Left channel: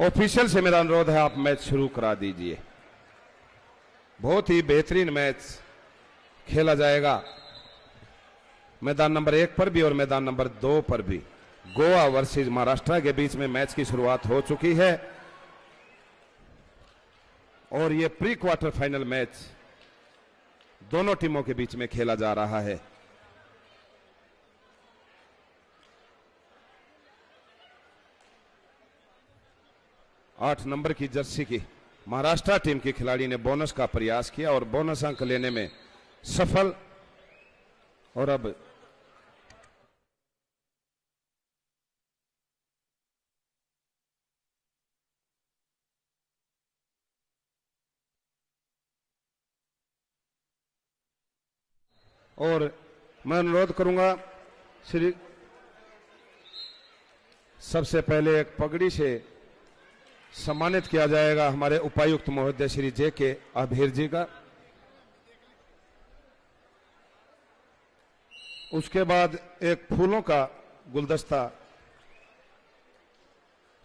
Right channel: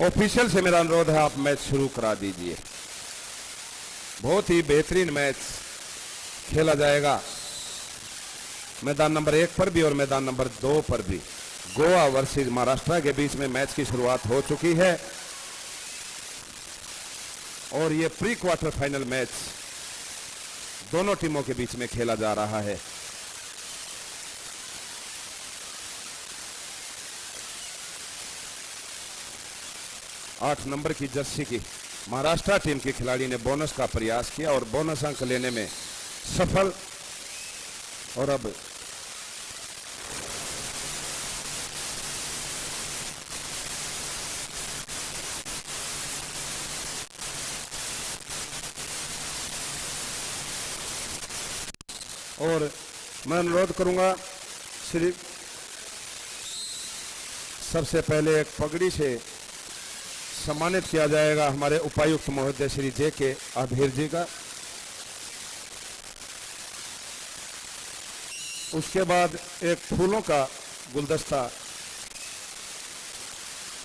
Official से मेरा अनुरोध है, आप मैच शुरू करा दीजिए। बहुत ही बेहतरीन मैच खेला जाएगा मैदान नंबर 1 पर भी और मैदान नंबर 2 पर भी। गोवा वर्सेस महाराष्ट्र के बीच में मैच की शुरुआत हो चुकी है और ये प्री क्वार्टर फाइनल मैच दोनों टीमों के बीच में खेला जा रहा है। आठ नंबर की जर्सी की महाराष्ट्र टीम के खिलाड़ी ने बोनस का प्रयास किया और बोनस अंक लेने में सफल। और अब और मैं अनुरोध करूंगा श्री सबसे पहले एक पगड़ी से सम्मानित किया जाएगा हमारे उपायुक्त महोदय श्री जे.के. आभीर जी का। उसके बाद एक फूलों का गुलदस्ता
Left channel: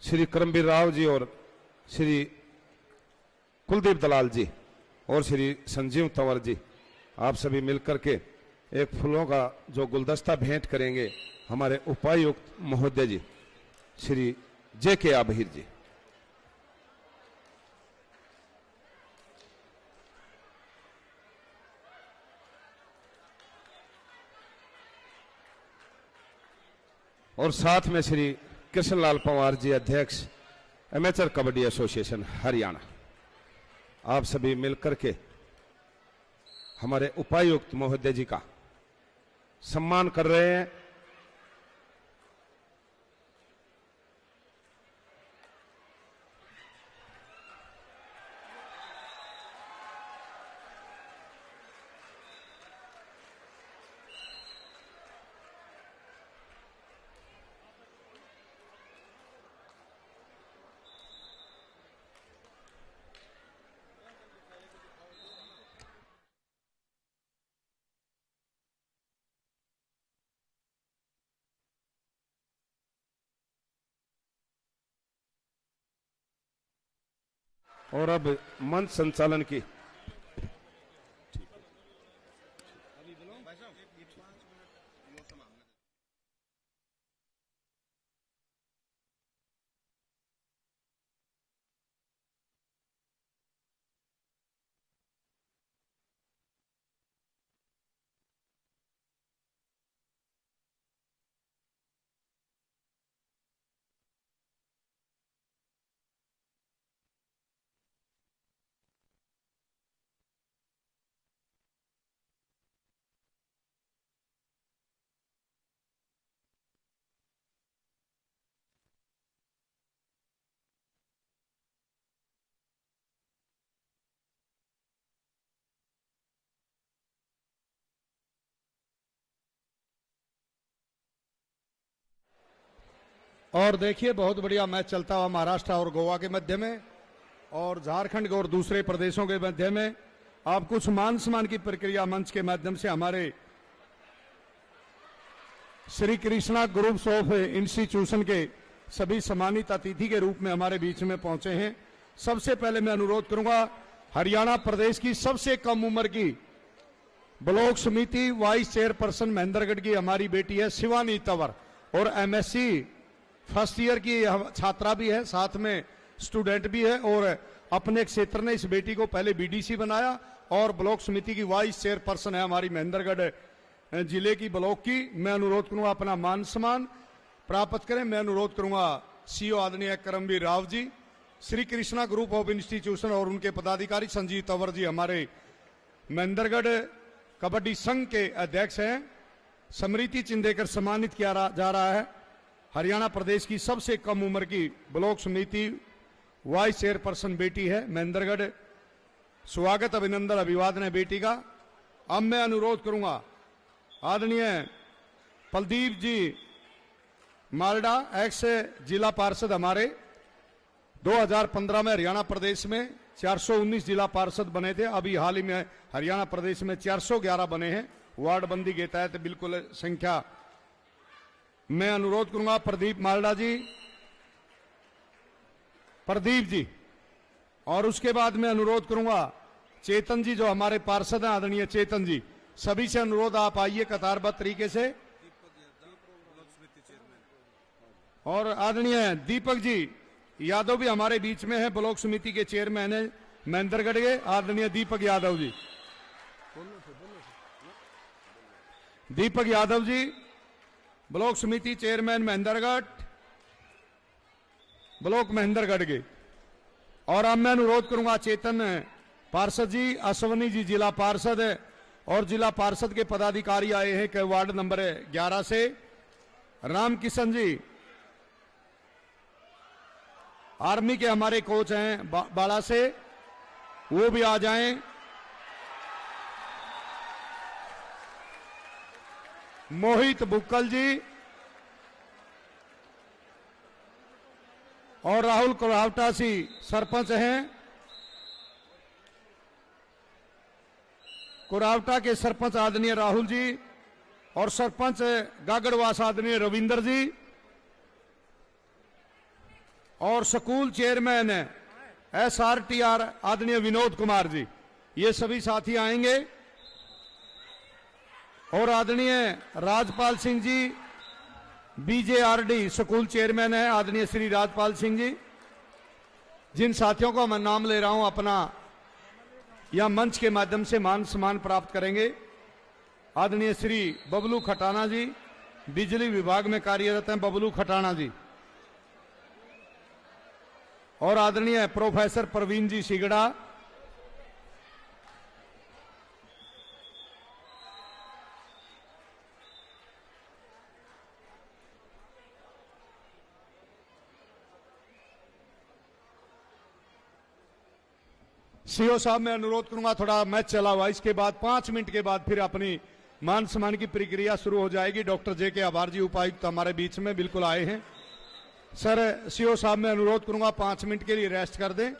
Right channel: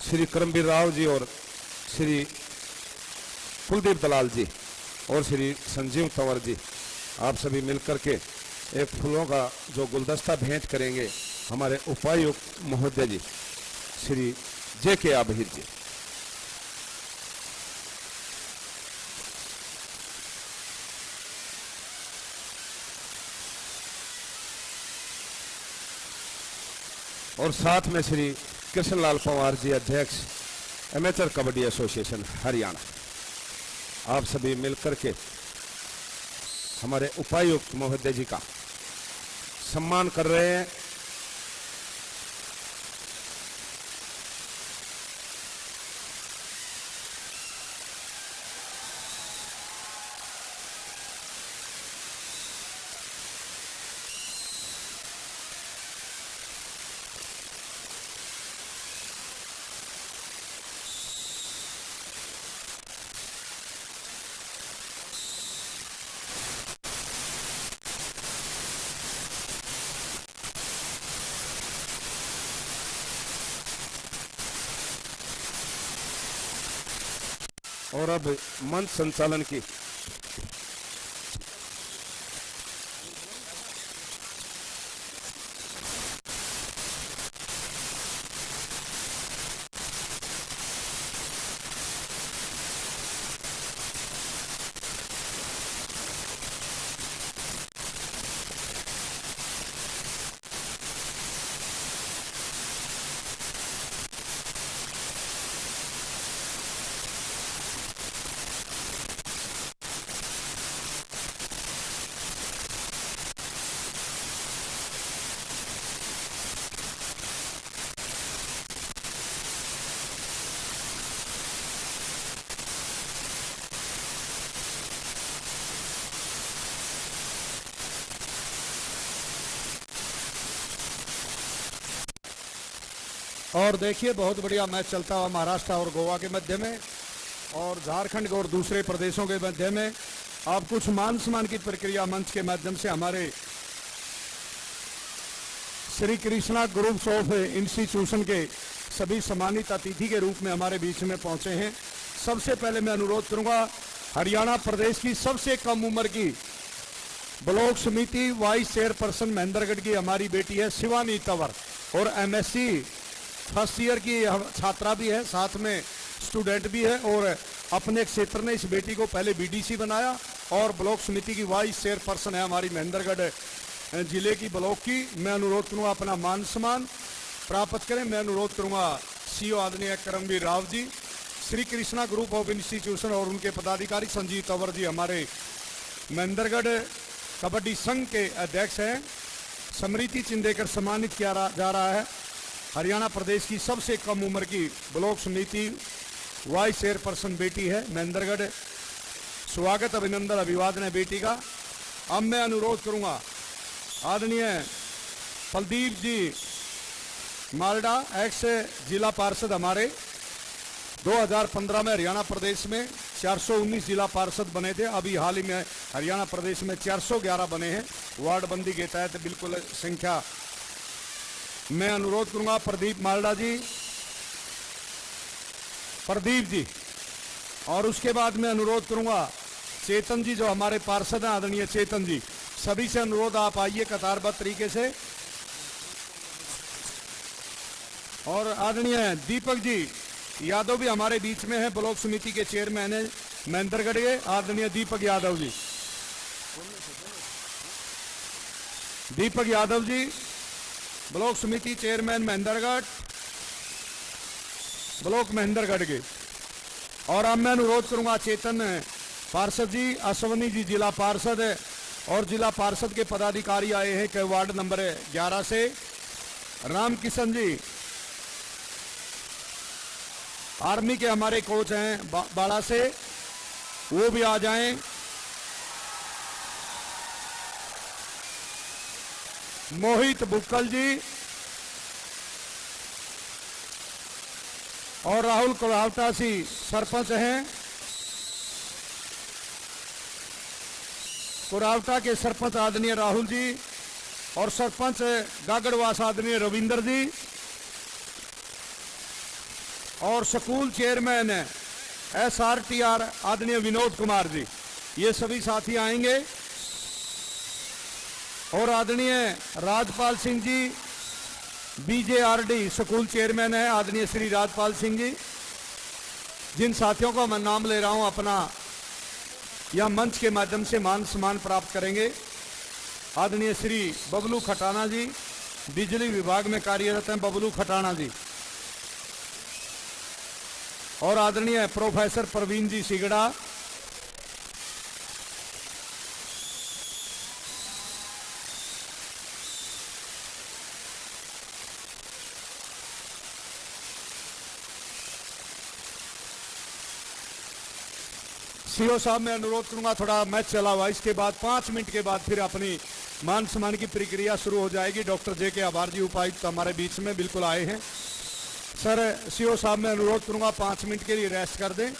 श्री करमवीर राव जी और श्री कुलदीप दलाल जी और श्री संजीव तंवर जी, आप सभी मिलकर के एक फूलों का जो गुलदस्ता भेंट करेंगे हमारे उपायुक्त महोदय जी श्री जे.के. आभीर जी। और साथ में श्री कृष्णलाल पवार जी, अध्यक्ष एमेचर कबड्डी एसोसिएशन हरियाणा, आप सभी मिलकर के हमारे उपायुक्त महोदय जी का सम्मान कर रहे हैं। और अब मंच संचालन की और देखिए बहुत बढ़िया मैच चलता हुआ महाराष्ट्र और गोवा के मध्य में और झारखंड और दूसरे प्रदेशों के मध्य में। अब कुछ मान सम्मान की प्रक्रिया मंच के माध्यम से हमारे Shri Krishna groups of institution के सभी सम्मानित अतिथि के रूप में हमारे बीच में पहुंचे हैं। सबसे पहले मैं अनुरोध करूंगा हरियाणा प्रदेश की सबसे कम उम्र की ब्लॉक समिति वाइस चेयरपर्सन महेंद्रगढ़ की हमारी बेटी है शिवानी तंवर और एमएससी फर्स्ट ईयर की छात्रा भी है, साथ में स्टूडेंट भी है और अपने क्षेत्र ने इस बेटी को पहले बीडीसी बनाया और ब्लॉक समिति की वाइस चेयरपर्सन है हमारी महेंद्रगढ़ जिले की ब्लॉक की। मैं अनुरोध करूंगा अपना मान सम्मान प्राप्त करें। मैं अनुरोध करूंगा सीईओ आदरणीय Karamvir Rao ji, Shri Krishna group of institution और उनके पदाधिकारी संजीव तंवर जी हमारे महेंद्रगढ़ कबड्डी संघ के अध्यक्ष हैं। स्मृति चिन्ह देकर सम्मानित किया जा रहा है हरियाणा प्रदेश की सबसे कम उम्र की ब्लॉक समिति वाइस चेयरपर्सन बेटी है महेंद्रगढ़। स्वागत अभिनंदन अभिवादन है बेटी का। अब मैं अनुरोध करूंगा आदरणीय फलदीप जी मालडा, एक्स जिला पार्षद हमारे 2015 में हरियाणा प्रदेश में 419 जिला पार्षद बने थे। अभी हाल ही में हरियाणा प्रदेश में 411 बने हैं वार्ड बंदी के तहत, बिल्कुल संख्या। मैं अनुरोध करूंगा प्रदीप मालडा जी प्रदीप जी, और उसके बाद मैं अनुरोध करूंगा चेतन जी जो हमारे पार्षद हैं, आदरणीय चेतन जी, सभी से अनुरोध आप आइए कतारबद्ध तरीके से। और आदरणीय दीपक जी यादव भी हमारे बीच में है, ब्लॉक समिति के चेयरमैन है महेंद्रगढ़ के, आदरणीय दीपक यादव जी। दीपक यादव जी ब्लॉक समिति चेयरमैन महेंद्रगढ़, ब्लॉक महेंद्रगढ़ के। और अब मैं अनुरोध करूंगा चेतन पार्षद जी, अश्वनी जी जिला पार्षद है, और जिला पार्षद के पदाधिकारी आए हैं के वार्ड नंबर 11 से, रामकिशन जी आर्मी के हमारे कोच हैं बाड़ा से, वो भी आ जाएं। मोहित बुक्कल जी और राहुल कोल्हावटा सी सरपंच हैं, कुरावटा के सरपंच आदरणीय राहुल जी, और सरपंच गागड़वास आदरणीय रविंदर जी, और स्कूल चेयरमैन SRTR आदरणीय विनोद कुमार जी, ये सभी साथी आएंगे। और आदरणीय Rajpal Singh ji BJRD school chairman है, आदरणीय श्री राजपाल सिंह जी, जिन साथियों का मैं नाम ले रहा हूं अपना या मंच के माध्यम से मान सम्मान प्राप्त करेंगे। आदरणीय श्री बबलू खटाना जी, बिजली विभाग में कार्यरत हैं बबलू खटाना जी, और आदरणीय प्रोफेसर प्रवीण जी सिगड़ा, सीओ साहब मैं अनुरोध करूंगा थोड़ा मैच चला हुआ, इसके बाद 5 मिनट के बाद फिर अपनी मान सम्मान की प्रक्रिया शुरू हो जाएगी। डॉक्टर JK आभार जी उपायुक्त हमारे बीच में बिल्कुल आए हैं। सर सीओ साहब मैं अनुरोध करूंगा 5 मिनट के लिए रेस्ट कर दें।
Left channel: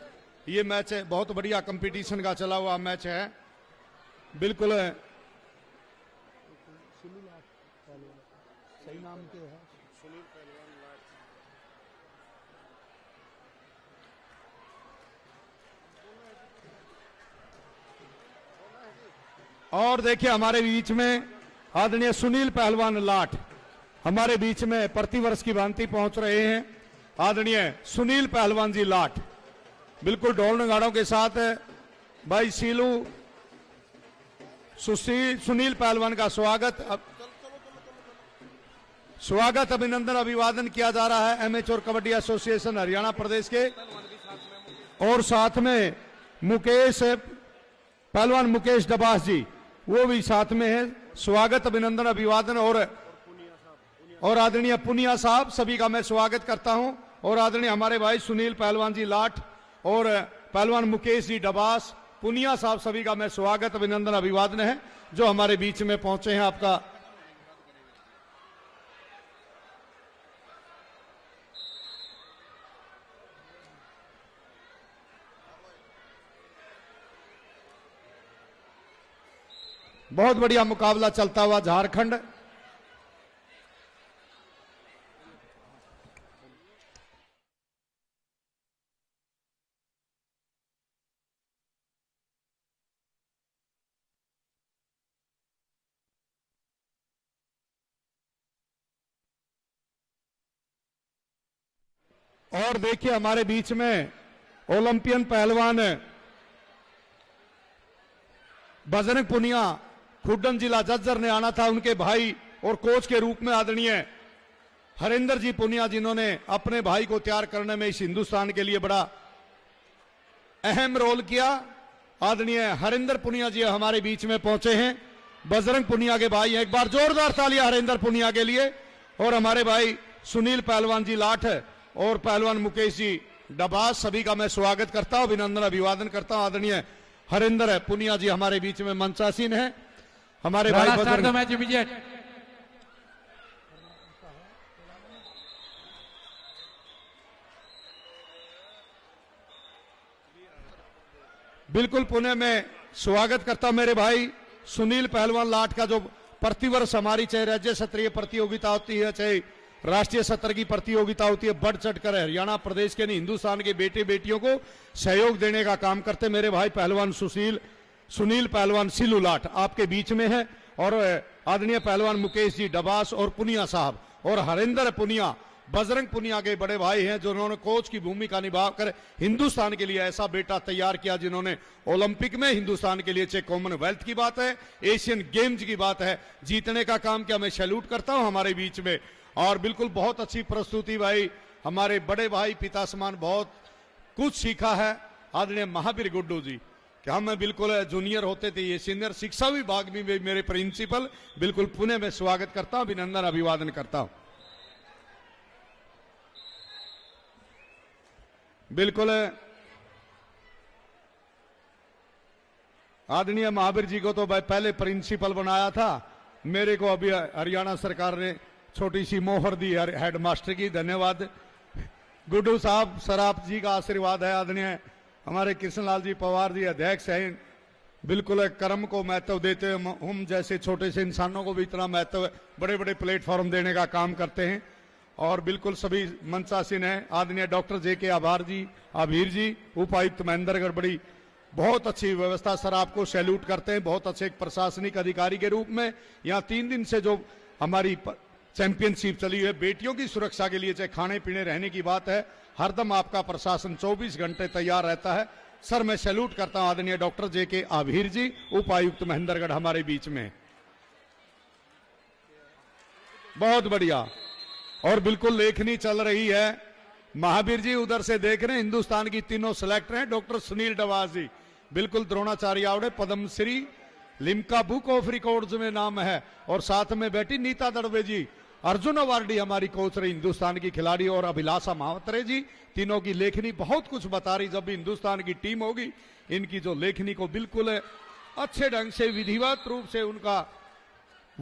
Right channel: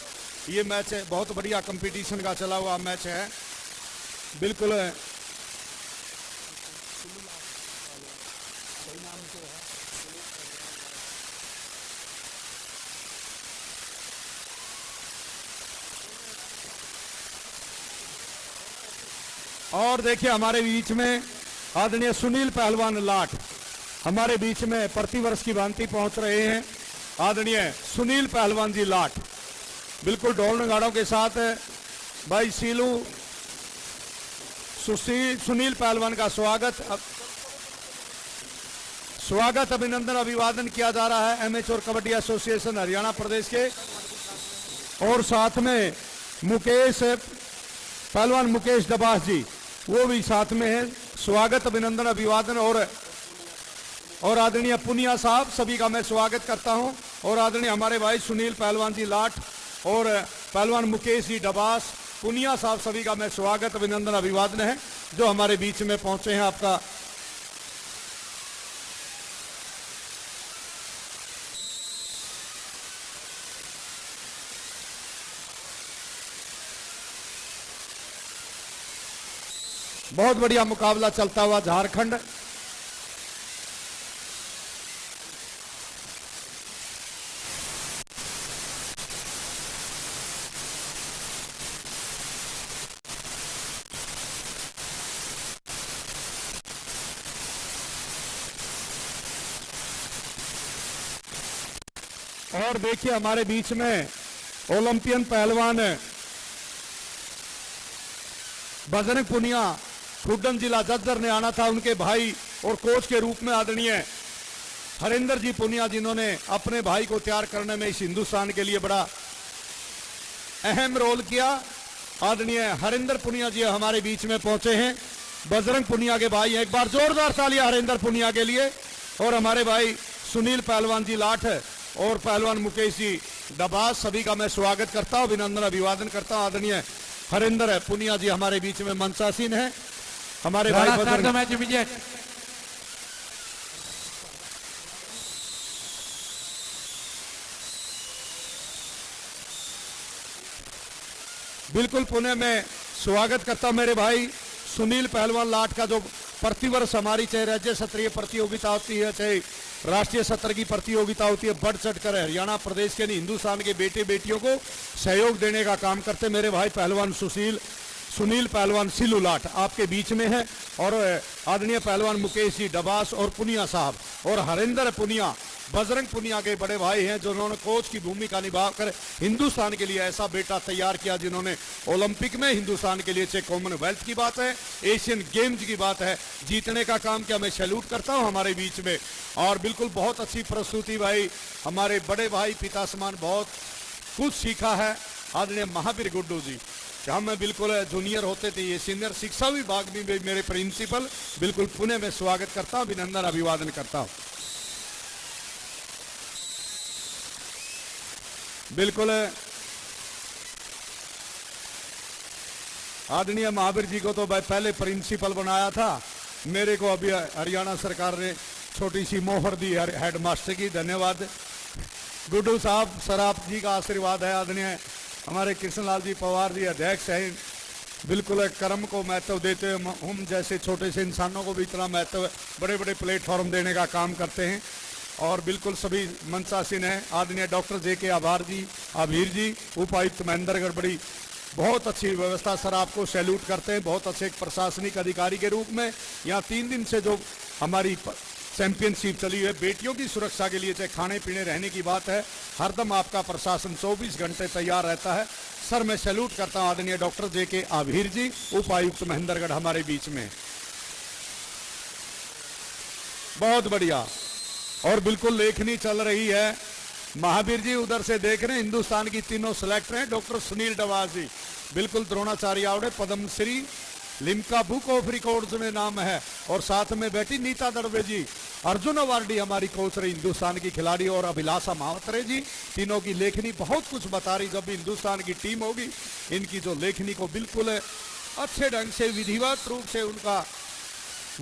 ये मैच है बहुत बढ़िया कंपटीशन का चला हुआ मैच है बिल्कुल। और देखिए हमारे बीच में आदरणीय सुनील पहलवान लाट हमारे बीच में प्रतिवर्ष की भांति पहुंच रहे हैं। आदरणीय सुनील पहलवान जी लाट बिल्कुल ढोल नगाड़ों के साथ भाई सीलू सुनील पहलवान का स्वागत अभिनंदन अभिवादन किया जा रहा है एमेच्योर कबड्डी एसोसिएशन हरियाणा प्रदेश के। और साथ में मुकेश पहलवान मुकेश दबास जी वो भी साथ में है, स्वागत अभिनंदन अभिवादन। और आदरणीय पुनिया साहब सभी का मैं स्वागत करता हूं। और आदरणीय हमारे भाई सुनील पहलवान जी लाट और पहलवान मुकेश जी डबास पुनिया साहब सभी का मैं स्वागत अभिनंदन अभिवादन है जो हमारे बीच में पहुंचे हैं। आपका बहुत बढ़िया मुकाबला चलता हुआ झारखंड। और देखिए हमारे बीच में ओलंपियन पहलवान बजरंग पुनिया खुड्डन जिला जज्जर ने आना था, उनके भाई और कोच के रूप में आदरणीय हरिंदर जी पुनिया जिन्होंने अपने भाई को तैयार करने में इस हिंदुस्तान के लिए बड़ा अहम रोल किया। आदरणीय हरिंदर पुनिया जी हमारे बीच में पहुंचे हैं, बजरंग पुनिया के भाई। एक बार जोरदार तालियां हरिंदर पुनिया के लिए। और हमारे भाई सुनील पहलवान जी लाठ और पहलवान मुकेश जी डबास सभी का मैं स्वागत करता हूं, अभिनंदन अभिवादन करता हूं। आदरणीय हरिंदर पुनिया जी हमारे बीच में मंचासीन है। हमारे भाई बिल्कुल पुणे में स्वागत करता हूं मेरे भाई सुनील पहलवान लाट का, जो प्रतिवर्ष हमारी चाहे राज्य स्तरीय प्रतियोगिता होती है चाहे राष्ट्रीय स्तर की प्रतियोगिता होती है, बढ़ चढ़ कर हरियाणा प्रदेश के यानी हिंदुस्तान के बेटे बेटियों को सहयोग देने का काम करते मेरे भाई पहलवान सुनील पहलवान सिल्लू लाठ आपके बीच में है, और आदरणीय पहलवान मुकेश जी डबास और पुनिया साहब और हरिंदर पुनिया, बजरंग पुनिया के बड़े भाई हैं, जो उन्होंने कोच की भूमिका निभाकर हिंदुस्तान के लिए ऐसा बेटा तैयार किया जिन्होंने ओलंपिक में हिंदुस्तान के लिए, चाहे कॉमनवेल्थ की बात है, एशियन गेम्स की बात है, जीतने का काम किया। मैं सैल्यूट करता हूं हमारे बीच में, और बिल्कुल बहुत अच्छी प्रस्तुति भाई, हमारे बड़े भाई पिता समान बहुत कुछ सीखा है आदरणीय महावीर गुड्डू जी। हम बिल्कुल जूनियर होते थे, ये सीनियर शिक्षा विभाग में भी मेरे प्रिंसिपल, बिल्कुल पुणे में स्वागत करता हूं, अभिनंदन अभिवादन करता हूं। बिल्कुल आदरणीय महावीर जी को तो भाई पहले प्रिंसिपल बनाया था, मेरे को अभी हरियाणा सरकार ने छोटी सी मोहर दी हेडमास्टर की, धन्यवाद गुड्डू साहब, सर आप जी का आशीर्वाद है। आदरणीय हमारे कृष्णलाल जी पवार जी अध्यक्ष हैं, बिल्कुल कर्म को महत्व देते हैं, हम जैसे छोटे से इंसानों को भी इतना महत्व, बड़े बड़े प्लेटफॉर्म देने का काम करते हैं, और बिल्कुल सभी मंचासीन हैं। आदरणीय डॉक्टर JK आभीर जी उपायुक्त महेंद्रगढ़, बड़ी बहुत अच्छी व्यवस्था सर, आपको सैल्यूट करते हैं, बहुत अच्छे एक प्रशासनिक अधिकारी के रूप में। यहाँ 3 दिन से जो हमारी चैंपियनशिप चली है बेटियों की सुरक्षा के लिए, चाहे खाने पीने रहने की बात है, हरदम आपका प्रशासन 24 घंटे तैयार रहता है सर। मैं सैल्यूट करता हूं आदरणीय डॉक्टर JK आभीर जी उपायुक्त महेंद्रगढ़ हमारे बीच में, बहुत बढ़िया। और बिल्कुल लेखनी चल रही है, महावीर जी उधर से देख रहे हैं, हिंदुस्तान की तीनों सिलेक्टर हैं, डॉक्टर सुनील डबास जी, बिल्कुल Dronacharya award, Padmashri, Limca book of records में नाम है, और साथ में बैठी नीता दड़वे जी, अर्जुन अवार्डी हमारी कोच रही हिंदुस्तान की खिलाड़ी, और अभिलाषा मावतरे जी, तीनों की लेखनी बहुत कुछ बता रही। जब भी हिंदुस्तान की टीम होगी, इनकी जो लेखनी को बिल्कुल अच्छे ढंग से विधिवत रूप से उनका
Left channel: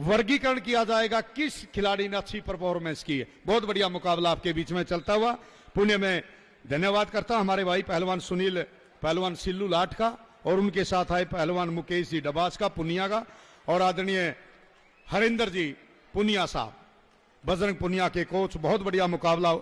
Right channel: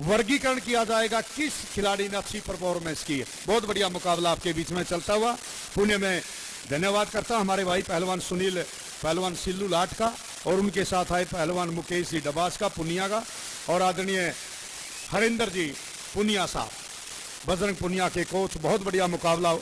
वर्गीकरण किया जाएगा, किस खिलाड़ी ने अच्छी परफॉर्मेंस की है। बहुत बढ़िया मुकाबला आपके बीच में चलता हुआ, पुणे में धन्यवाद करता हमारे भाई पहलवान पहलवान सिल्लू लाठ का, और उनके साथ आए पहलवान मुकेश जी डबास का पुनिया का, और आदरणीय हरिंदर जी पुनिया साहब, बजरंग पुनिया के कोच। बहुत बढ़िया मुकाबला।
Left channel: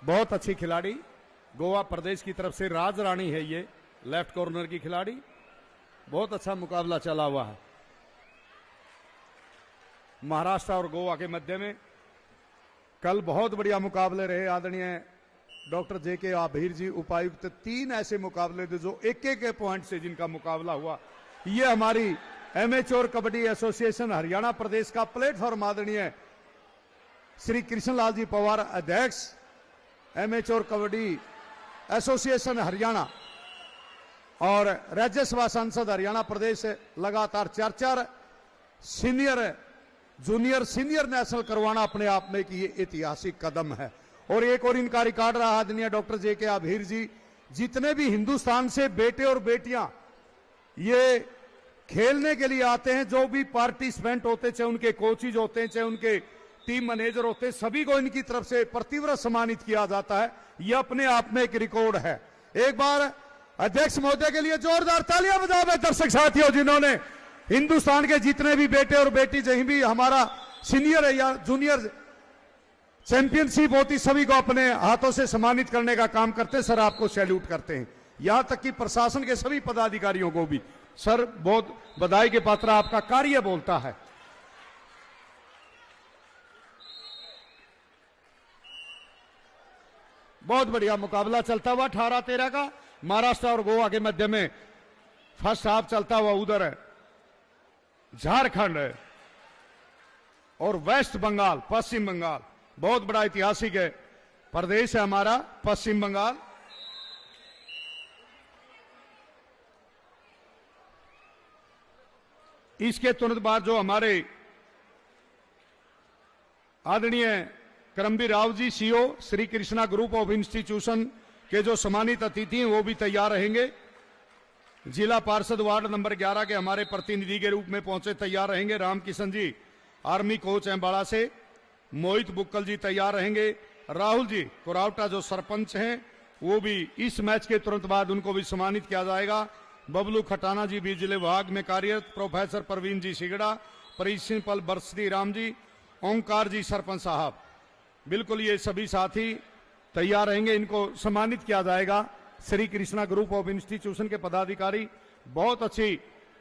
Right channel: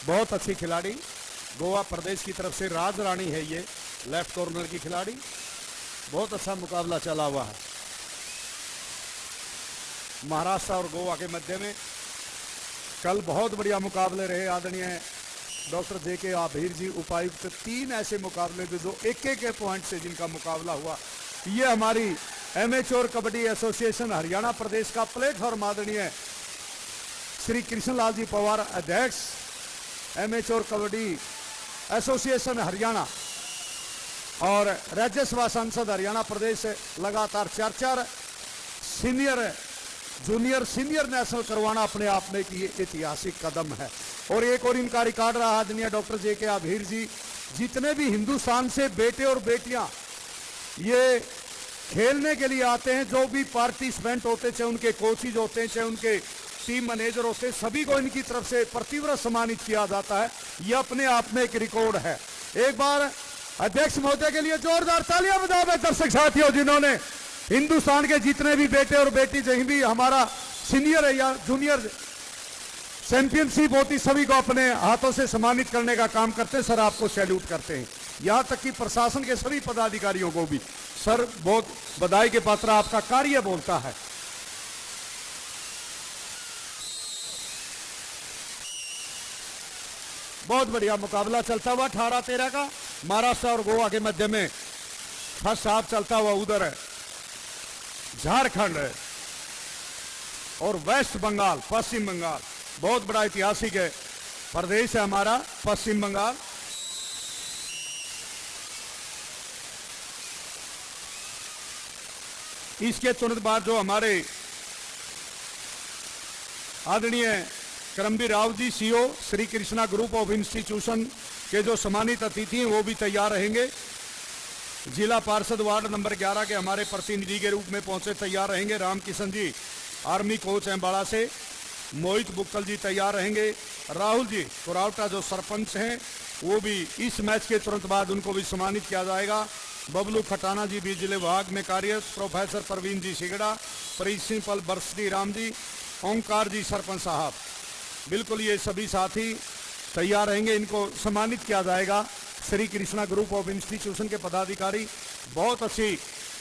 बहुत अच्छी खिलाड़ी, गोवा प्रदेश की तरफ से राज रानी है ये, लेफ्ट कॉर्नर की खिलाड़ी। बहुत अच्छा मुकाबला चला हुआ है महाराष्ट्र और गोवा के मध्य में। कल बहुत बढ़िया मुकाबले रहे। आदरणीय डॉक्टर JK आभीर जी उपायुक्त, 3 ऐसे मुकाबले थे जो एक पॉइंट से जिनका मुकाबला हुआ। ये हमारी एमेच्योर कबड्डी एसोसिएशन हरियाणा प्रदेश का प्लेटफॉर्म, आदरणीय श्री कृष्णलाल जी पवार अध्यक्ष एमेच्योर कबड्डी एसोसिएशन हरियाणा, और राज्यसभा सांसद हरियाणा प्रदेश से लगातार 4 सीनियर जूनियर सीनियर नेशनल करवाना अपने आप में एक ये ऐतिहासिक कदम है। और एक और इनका रिकॉर्ड रहा आदरणीय डॉक्टर जे.के. आभीर जी, जितने भी हिंदुस्तान से बेटे और बेटियां ये खेलने के लिए आते हैं, जो भी पार्टिसिपेंट होते, चाहे उनके कोचिज होते हैं, चाहे उनके टीम मैनेजर होते हैं, सभी को इनकी तरफ से प्रतिवर्ष सम्मानित किया जाता है। यह अपने आप में एक रिकॉर्ड है। एक बार अध्यक्ष महोदय के लिए जोरदार तालियां बजाएं दर्शक साथियों, जिन्होंने हिंदुस्तान के जितने भी बेटे और बेटी, जहीं भी हमारा सीनियर है या जूनियर चैंपियनशिप होती, सभी को अपने हाथों से सम्मानित करने का काम करते हैं। सर, आपको सैल्यूट करते हैं। यहां तक कि प्रशासन के सभी पदाधिकारियों को भी सर बहुत बधाई के पात्र, आपका कार्य बोलता है। बहुत बढ़िया मुकाबला चलता हुआ 18-13 का महाराष्ट्र और गोवा के मध्य में फर्स्ट हाफ चलता हुआ। उधर है झारखंड और वेस्ट बंगाल, पश्चिम बंगाल, बहुत बड़ा ऐतिहासिक है प्रदेश है हमारा पश्चिम बंगाल। इसके तुरंत बाद जो हमारे आदरणीय Karambir Rao ji, CEO Shri Krishna group of institution के जो सम्मानित अतिथि हैं वो भी तैयार रहेंगे। जिला पार्षद वार्ड नंबर 11 के हमारे प्रतिनिधि के रूप में पहुंचे तैयार रहेंगे। रामकिशन जी आर्मी कोच एम्बाड़ा से, मोहित बुक्कल जी तैयार रहेंगे। राहुल जी कोरावटा जो सरपंच हैं वो भी इस मैच के तुरंत बाद उनको भी सम्मानित किया जाएगा। बबलू खटाना जी बिजली विभाग में कार्यरत, प्रोफेसर प्रवीण जी सिगड़ा, प्रिंसिपल बरसती राम जी, ओंकार जी सरपंच साहब, बिल्कुल ये सभी साथी तैयार रहेंगे। इनको सम्मानित किया जाएगा। Shri Krishna group of institution के पदाधिकारी, बहुत अच्छी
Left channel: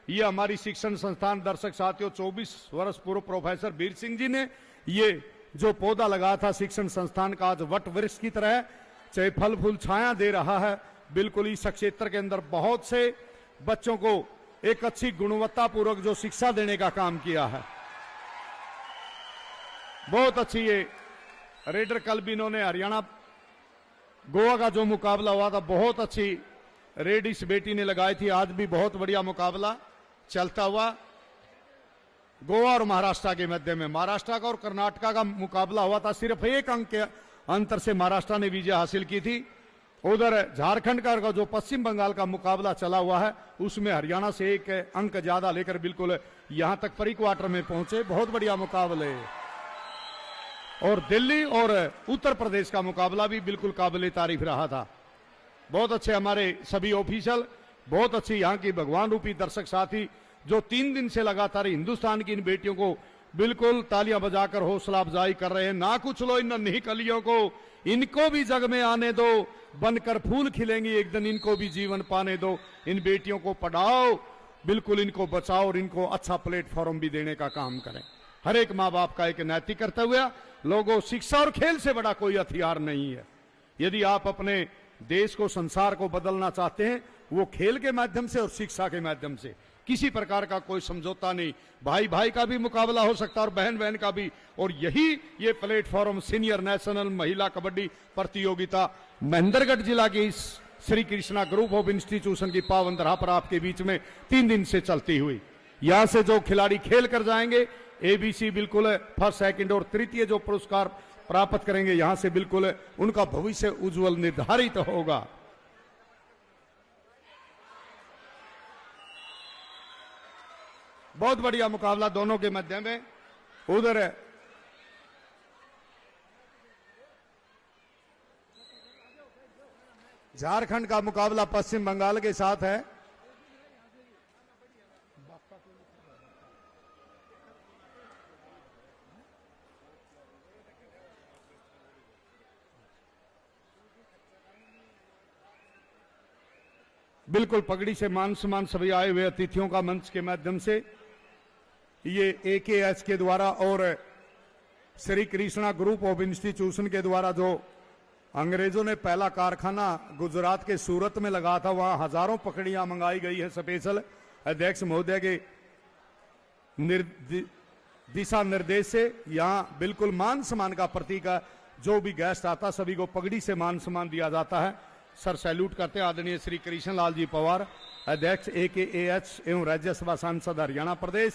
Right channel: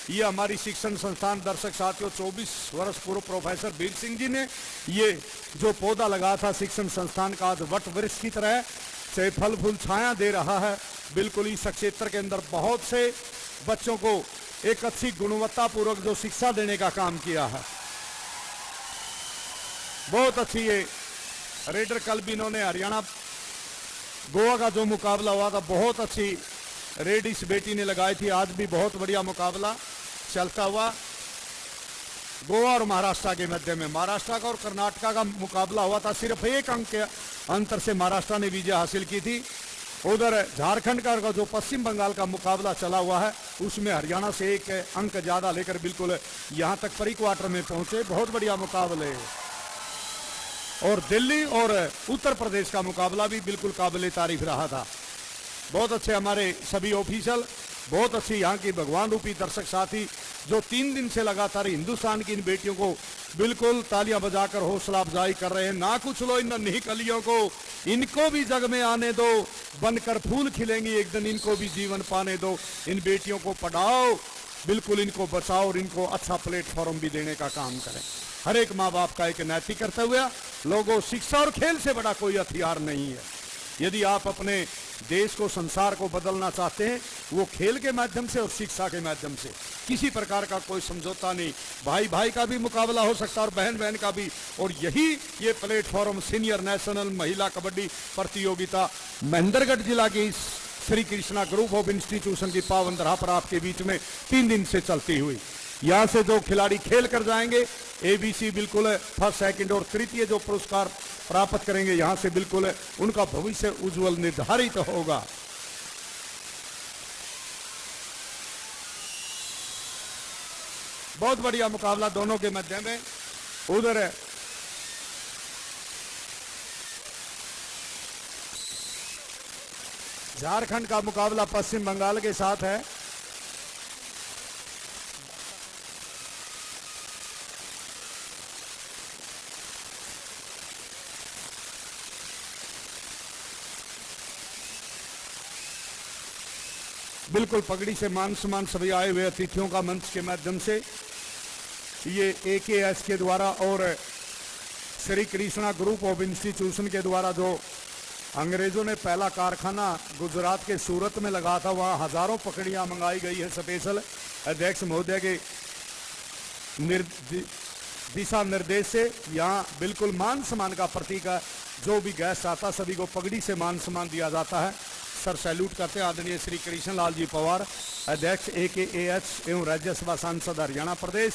ये हमारी शिक्षण संस्थान, दर्शक साथियों 24 वर्ष पूर्व प्रोफेसर वीर सिंह जी ने ये जो पौधा लगाया था शिक्षण संस्थान का, आज वट वृक्ष की तरह से फल फूल छाया दे रहा है। बिल्कुल इस क्षेत्र के अंदर बहुत से बच्चों को एक अच्छी गुणवत्ता पूर्वक जो शिक्षा देने का काम किया है। बहुत अच्छी ये रेडर, कल भी इन्होंने हरियाणा गोवा का जो मुकाबला हुआ था, बहुत अच्छी रेड इस बेटी ने लगाई थी। आज भी बहुत बढ़िया मुकाबला चलता हुआ गोवा और महाराष्ट्र के मध्य में। महाराष्ट्र का और कर्नाटका का मुकाबला हुआ था, सिर्फ 1 अंक के अंतर से महाराष्ट्र ने विजय हासिल की थी। उधर झारखंड का जो पश्चिम बंगाल का मुकाबला चला हुआ है, उसमें हरियाणा से 1 अंक ज्यादा लेकर बिल्कुल यहां तक प्री क्वार्टर में पहुंचे। बहुत बढ़िया मुकाबले। और दिल्ली और उत्तर प्रदेश का मुकाबला भी बिल्कुल काबिल तारीफ रहा था। बहुत अच्छे हमारे सभी ऑफिशियल, बहुत अच्छी यहाँ की भगवान रूपी दर्शक साथी जो 3 दिन से लगातार हिंदुस्तान की इन बेटियों को बिल्कुल तालियां बजाकर हौसला अफजाई कर रहे हैं। ना कुछ लो इन नन्ही कलियों को, इनको भी जग में आने दो, बनकर फूल खिलेंगी एक दिन, इनको भी जीवन पाने दो। इन बेटियों को पढ़ाओ, बिल्कुल इनको बचाओ और इनको अच्छा प्लेटफॉर्म भी देने का काम करें। हर एक माँ बाप का एक नैतिक कर्तव्य। लोगों, शिक्षा और खेल से बड़ा कोई हथियार नहीं है। यदि आप अपने देश को, संसार को बदलना चाहते हैं, वो खेल के माध्यम से और शिक्षा के माध्यम से। किसी प्रकार का कोई समझौता नहीं। भाई भाई का भी मुकाबला हो सकता है और बहन बहन का भी। और यही ये प्लेटफॉर्म सीनियर नेशनल महिला कबड्डी प्रतियोगिता महेंद्रगढ़ जिला की Shri Krishna group of institution की पावन धरा पर आपके बीच में 3 दिन से चलती हुई। यहाँ से जो खिलाड़ी खेल कर जाएंगे, एबीसी बिल्कुल फर्स्ट, सेकंड और तृतीय जो पुरस्कार प्राप्त करेंगे, यहां से बिल्कुल उनका भविष्य उज्जवल निर्धारित होगा। बहुत बढ़िया मुकाबला दोनों के मध्य में। उधर झारखंड का मुकाबला पश्चिम बंगाल के साथ है। बिल्कुल पगड़ी से मान सम्मान सभी आए हुए अतिथियों का मंच के माध्यम से ये AKS के द्वारा और Shri Krishna group of institution के द्वारा जो अंग्रेजों ने पहला कारखाना गुजरात के सूरत में लगा था, वहाँ हजारों पकड़ियां मंगाई गई है स्पेशल अध्यक्ष महोदय के दिशा निर्देश से। यहाँ बिल्कुल मान सम्मान का प्रतीक है। जो भी गेस्ट आता सभी को पगड़ी से मान सम्मान दिया जाता है। सर सैल्यूट करते हैं आदरणीय श्री कृष्ण लाल जी पवार, अध्यक्ष AKAH एवं राज्यसभा सांसद हरियाणा प्रदेश,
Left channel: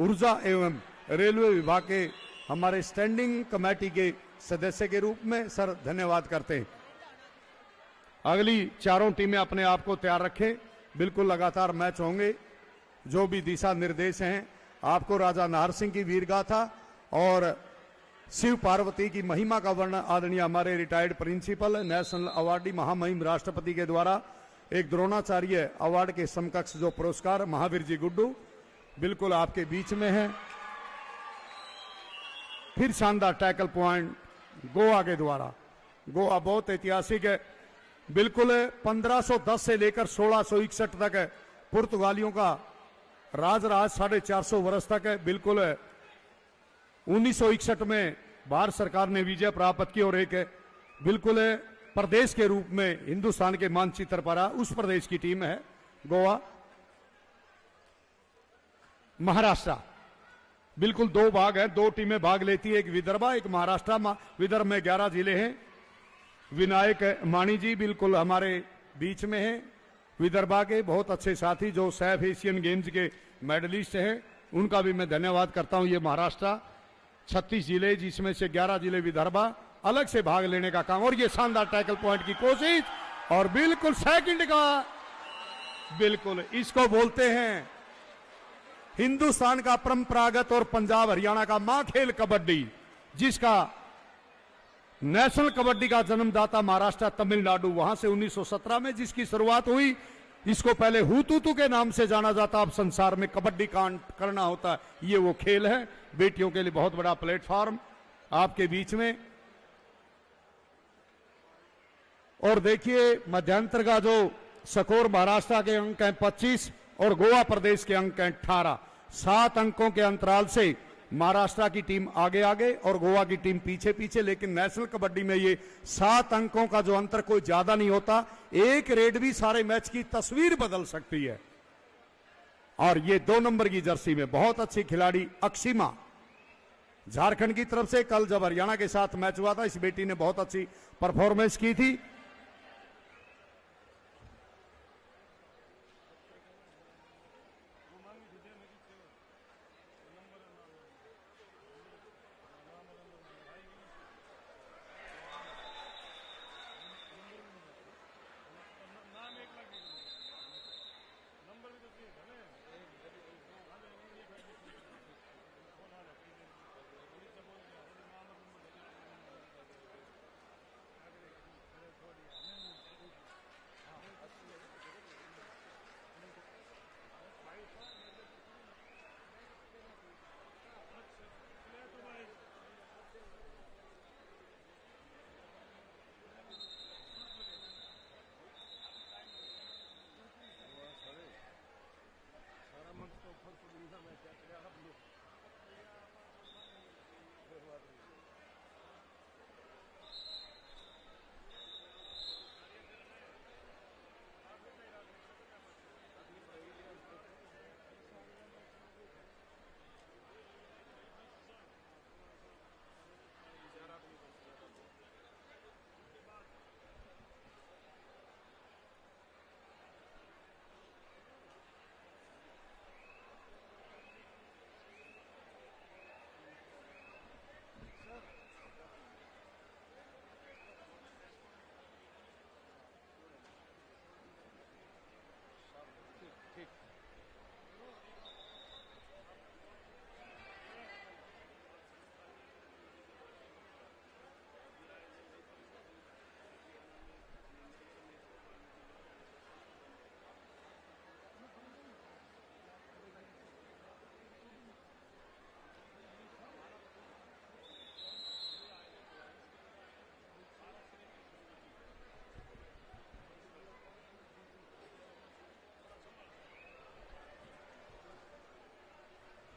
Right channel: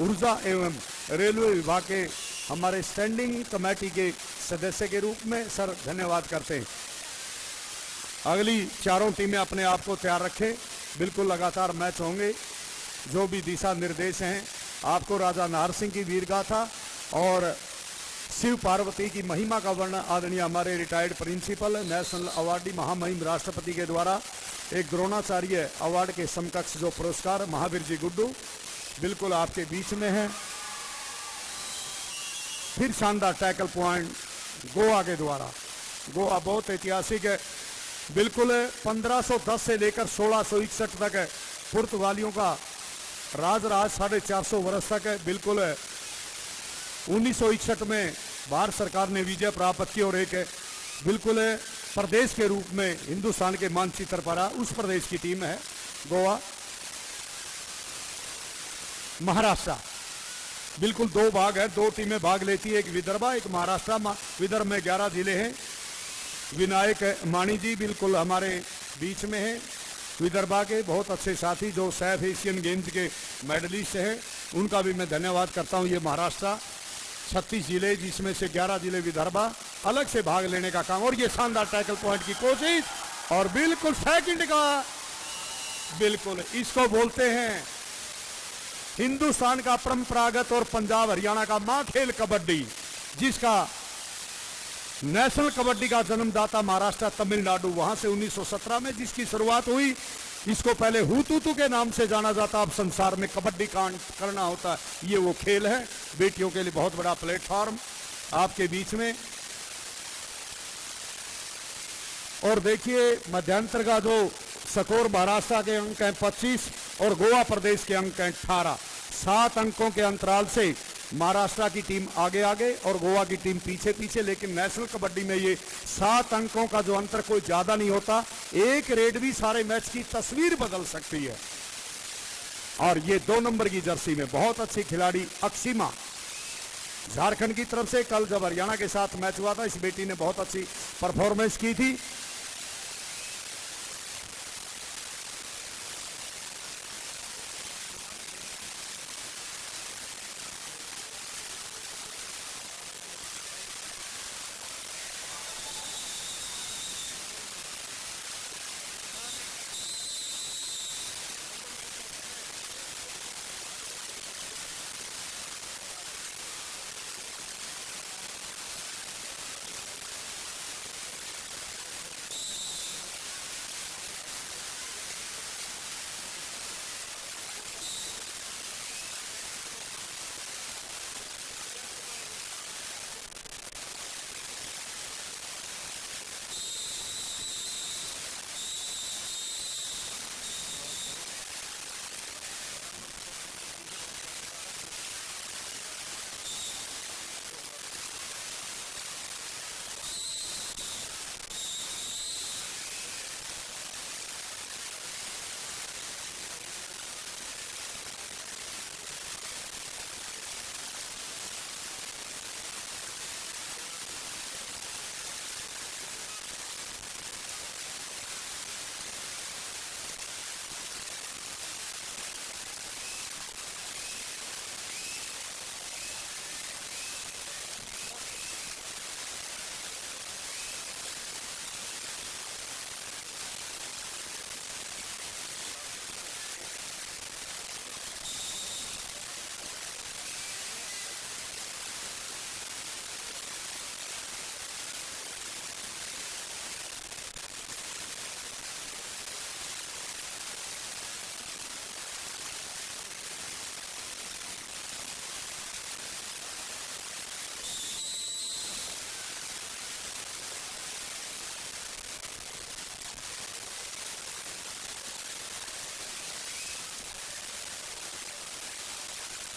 ऊर्जा एवं रेलवे विभाग के हमारे स्टैंडिंग कमेटी के सदस्य के रूप में सर धन्यवाद करते हैं। अगली चारों टीमें अपने आप को तैयार रखें, बिल्कुल लगातार मैच होंगे। जो भी दिशा निर्देश हैं, आपको राजा नाहर सिंह की वीर गाथा और शिव पार्वती की महिमा का वर्णन आदरणीय हमारे रिटायर्ड प्रिंसिपल नेशनल अवार्डी महामहिम राष्ट्रपति के द्वारा एक द्रोणाचार्य अवार्ड के समकक्ष जो पुरस्कार महावीर जी गुड्डू बिल्कुल आपके बीच में है। फिर शानदार टैकल पॉइंट गोवा के द्वारा। गोवा बहुत ऐतिहासिक है, बिल्कुल 1510 से लेकर 1661 तक है पुर्तगालियों का राज 450 वर्ष तक है। बिल्कुल 1961 में भारत सरकार ने विजय प्राप्त की और एक बिल्कुल प्रदेश के रूप में हिंदुस्तान के मानचित्र पर आ, उस प्रदेश की टीम है गोवा। महाराष्ट्र बिल्कुल दो भाग है, दो टीमें भाग लेती है, एक विदर्भा एक महाराष्ट्र। विदर्भ में 11 जिले हैं। विनायक मानी जी बिल्कुल हमारे बीच में है, विदर्भा के बहुत अच्छे साथी जो सैफ एशियन गेम्स के मेडलिस्ट हैं, उनका भी मैं धन्यवाद करता हूं। ये महाराष्ट्र 36 जिले जिसमें से 11 जिले विदर्भा अलग से भाग लेने का काम, और ये शानदार टैकल पॉइंट की कोशिश और बिल्कुल सेकंड का, बिल्कुल इसको बोलते हैं हिंदुस्तान का परंपरागत और पंजाब हरियाणा का मां खेल कबड्डी, जिसका नेशनल कबड्डी का जन्मदाता महाराष्ट्र तमिलनाडु, वहां से 1917 में जिसकी शुरुआत हुई। इसको पहले हुतुतु के नाम से जाना जाता, अब संसार में कबड्डी कांड करना होता है। ये वो खेल है, बेटियों के लिए बहुत बड़ा प्लेटफॉर्म आपके बीच में। और देखिए मध्यांतर का जो स्कोर महाराष्ट्र के अंक हैं 25 और गोवा प्रदेश के अंक हैं 18। 7 अंकों के अंतराल से महाराष्ट्र की टीम आगे आगे और गोवा की टीम पीछे पीछे, लेकिन नेशनल कबड्डी में ये 7 अंकों का जो अंतर कोई ज्यादा नहीं होता। एक रेड भी सारे मैच की तस्वीर बदल सकती है। और ये 2 नंबर की जर्सी में बहुत अच्छी खिलाड़ी अक्षिमा झारखंड की तरफ से, कल जब हरियाणा के साथ मैच हुआ था इस बेटी ने बहुत अच्छी परफॉर्मेंस की थी।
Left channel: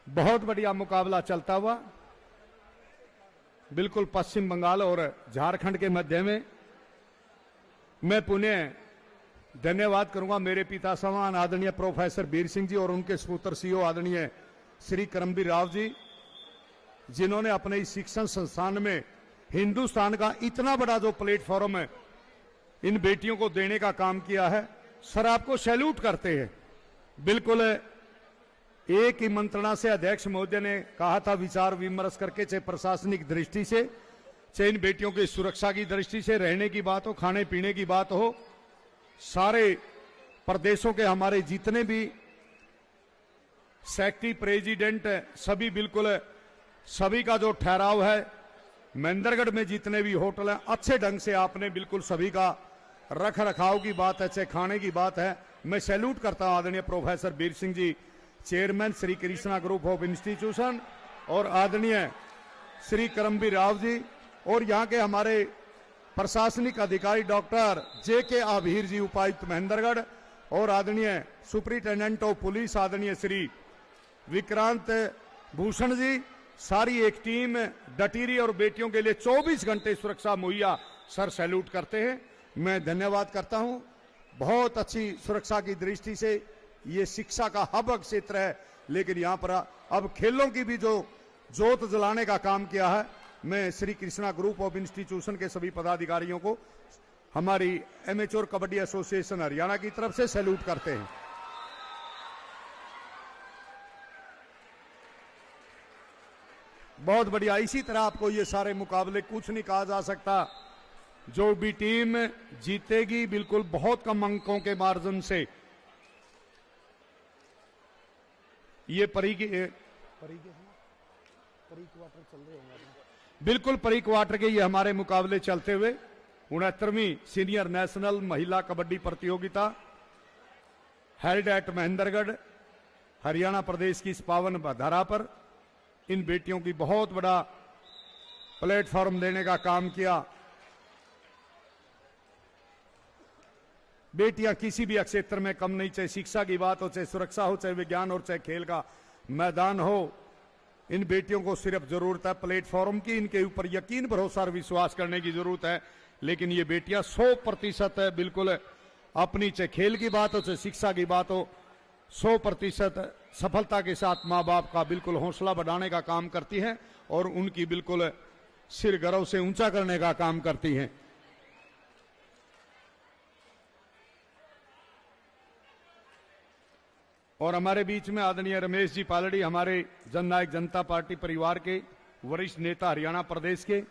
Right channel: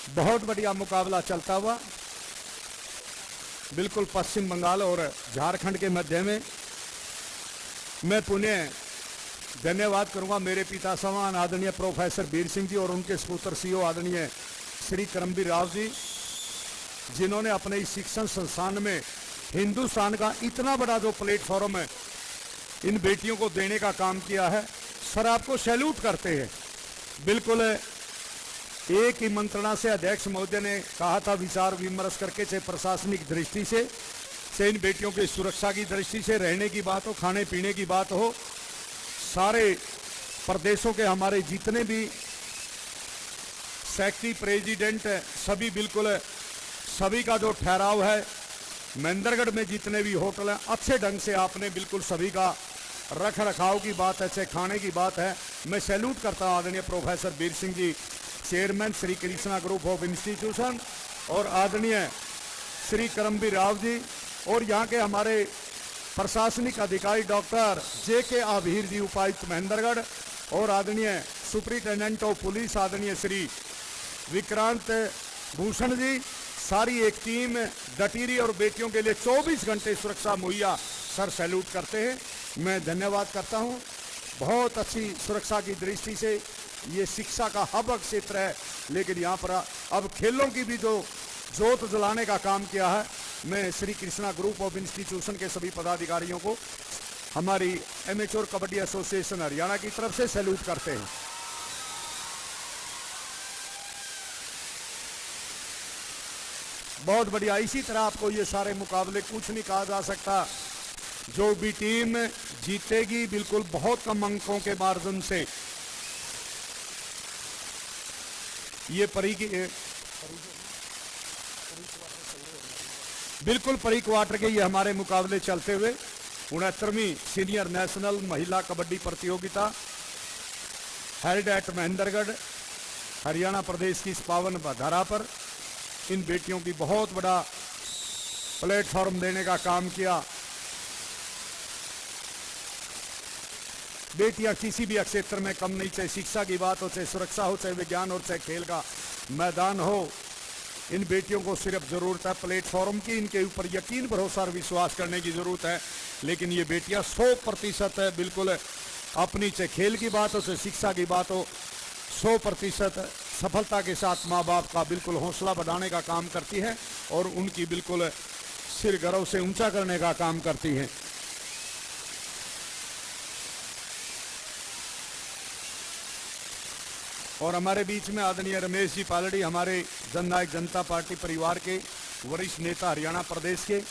बहुत बढ़िया मुकाबला चलता हुआ बिल्कुल पश्चिम बंगाल और झारखंड के मध्य में। मैं पुनः धन्यवाद करूंगा मेरे पिता समान आदरणीय प्रोफेसर वीर सिंह जी और उनके सपुत्र सीओ आदरणीय श्री करमबीर राव जी, जिन्होंने अपने इस शिक्षण संस्थान में हिंदुस्तान का इतना बड़ा जो प्लेटफॉर्म है इन बेटियों को देने का काम किया है। सर आपको सैल्यूट करते हैं। बिल्कुल एक ही मंत्रणा से अध्यक्ष महोदय ने कहा था विचार विमर्श करके, चाहे प्रशासनिक दृष्टि से, चाहे इन बेटियों की सुरक्षा की दृष्टि से, रहने की बात हो, खाने पीने की बात हो, सारे प्रदेशों के हमारे जितने भी सेक्रेटरी प्रेसिडेंट सभी बिल्कुल सभी का जो ठहराव है, महेंद्रगढ़ में जितने भी होटल हैं अच्छे ढंग से आपने बिल्कुल सभी का रख रखाव की बात है, चाहे खाने की बात है। मैं सैल्यूट करता हूं आदरणीय professor Veer Singh ji, chairman Shri Krishna group of institution, और आदरणीय श्री करमबीर राव जी, और यहाँ के हमारे प्रशासनिक अधिकारी डॉक्टर JK आभीर जी, उपायुक्त महेंद्रगढ़, और आदरणीय सुपरिटेंडेंट ऑफ पुलिस आदरणीय श्री विक्रांत भूषण जी, सारी एक टीम डटी रही और बेटियों के लिए 24 घंटे सुरक्षा मुहैया। सर सैल्यूट करते हैं। मैं धन्यवाद करता हूं। बहुत अच्छी सुरक्षा की दृष्टि से ये शिक्षा का हब क्षेत्र है, लेकिन यहाँ पर अब खेलों की भी जो जोत जलाने का काम किया है, मैं Shri Krishna group of institution के सभी पदाधिकारियों को हमारी एमेच्योर कबड्डी एसोसिएशन हरियाणा की तरफ से सैल्यूट करते हैं। बहुत बढ़िया। इसी तरह आपको ये सारे मुकाबले कुछ नहीं कहा जा सकता। जो भी टीम जीतेगी बिल्कुल बहुत कम अंकों के मार्जिन से, ये बिल्कुल प्री क्वार्टर के ये हमारे मुकाबले चलते हुए 69वीं सीनियर नेशनल महिला कबड्डी प्रतियोगिता हेल्ड एट महेंद्रगढ़ हरियाणा प्रदेश की इस पावन धरा पर इन बेटियों की बहुत बड़ा प्लेटफॉर्म देने का काम किया। बेटियां किसी भी क्षेत्र में कम नहीं, चाहे शिक्षा की बात हो, चाहे सुरक्षा हो, चाहे विज्ञान हो, चाहे खेल का मैदान हो। इन बेटियों को सिर्फ जरूरत है प्लेटफॉर्म की, इनके ऊपर यकीन भरोसा और विश्वास करने की जरूरत है। लेकिन ये बेटियां 100% बिल्कुल अपनी, चाहे खेल की बात हो, चाहे शिक्षा की बात हो, 100% सफलता के साथ माँ बाप का बिल्कुल हौसला बढ़ाने का काम करती है और उनकी बिल्कुल सिर गर्व से ऊंचा करने का काम करती है। और हमारे बीच में आदरणीय रमेश जी पालड़ी, हमारे जननायक जनता पार्टी परिवार के वरिष्ठ नेता हरियाणा प्रदेश के,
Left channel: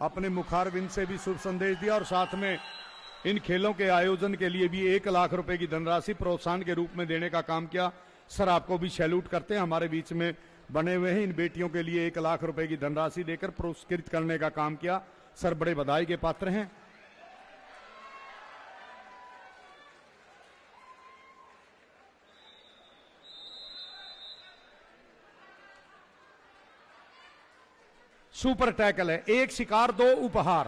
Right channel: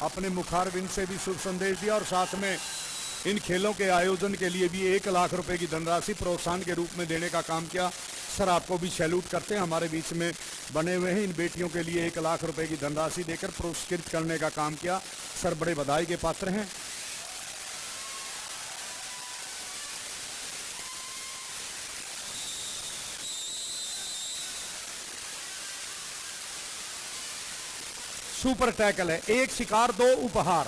अपने मुखारबिंद से भी शुभ संदेश दिया और साथ में इन खेलों के आयोजन के लिए भी 1 लाख रुपए की धनराशि प्रोत्साहन के रूप में देने का काम किया। सर आपको भी सैल्यूट करते हैं। हमारे बीच में बने हुए हैं, इन बेटियों के लिए 1 लाख रुपए की धनराशि देकर पुरस्कृत करने का काम किया। सर बड़े बधाई के पात्र हैं। सुपर टैकल है, 1 शिकार 2 उपहार।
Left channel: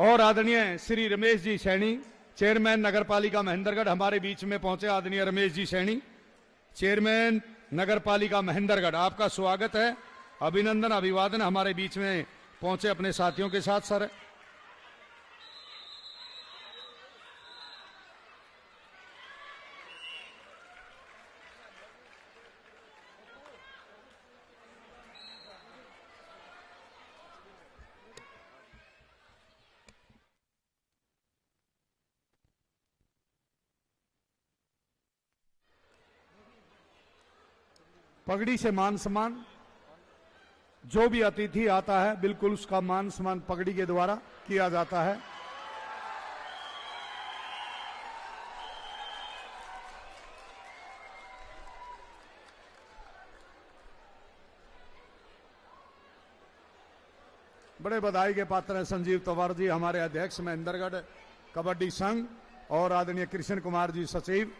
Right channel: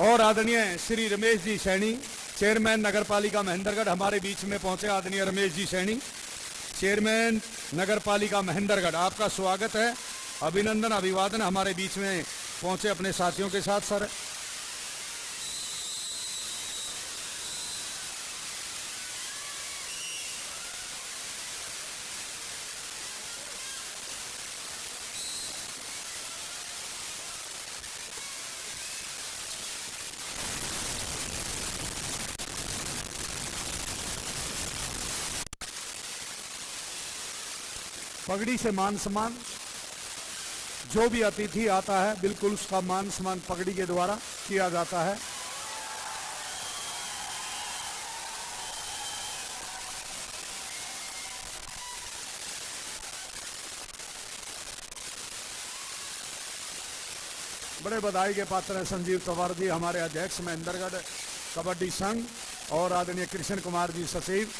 और आदरणीय श्री रमेश जी सैनी, चेयरमैन नगर पालिका महेंद्रगढ़, हमारे बीच में पहुंचे। आदरणीय रमेश जी सैनी, चेयरमैन नगर पालिका महेंद्रगढ़, आपका स्वागत है, अभिनंदन अभिवादन। हमारे बीच में पहुंचे अपने साथियों के साथ। सर पगड़ी से मान सम्मान, जो भी अतिथि आता है बिल्कुल उसका मान सम्मान पगड़ी के द्वारा किया जाता है। बड़े बधाई के पात्र है संजीव तंवर जी, हमारे अध्यक्ष महेंद्रगढ़ कबड्डी संघ, और आदरणीय कृष्ण कुमार जी सचिव।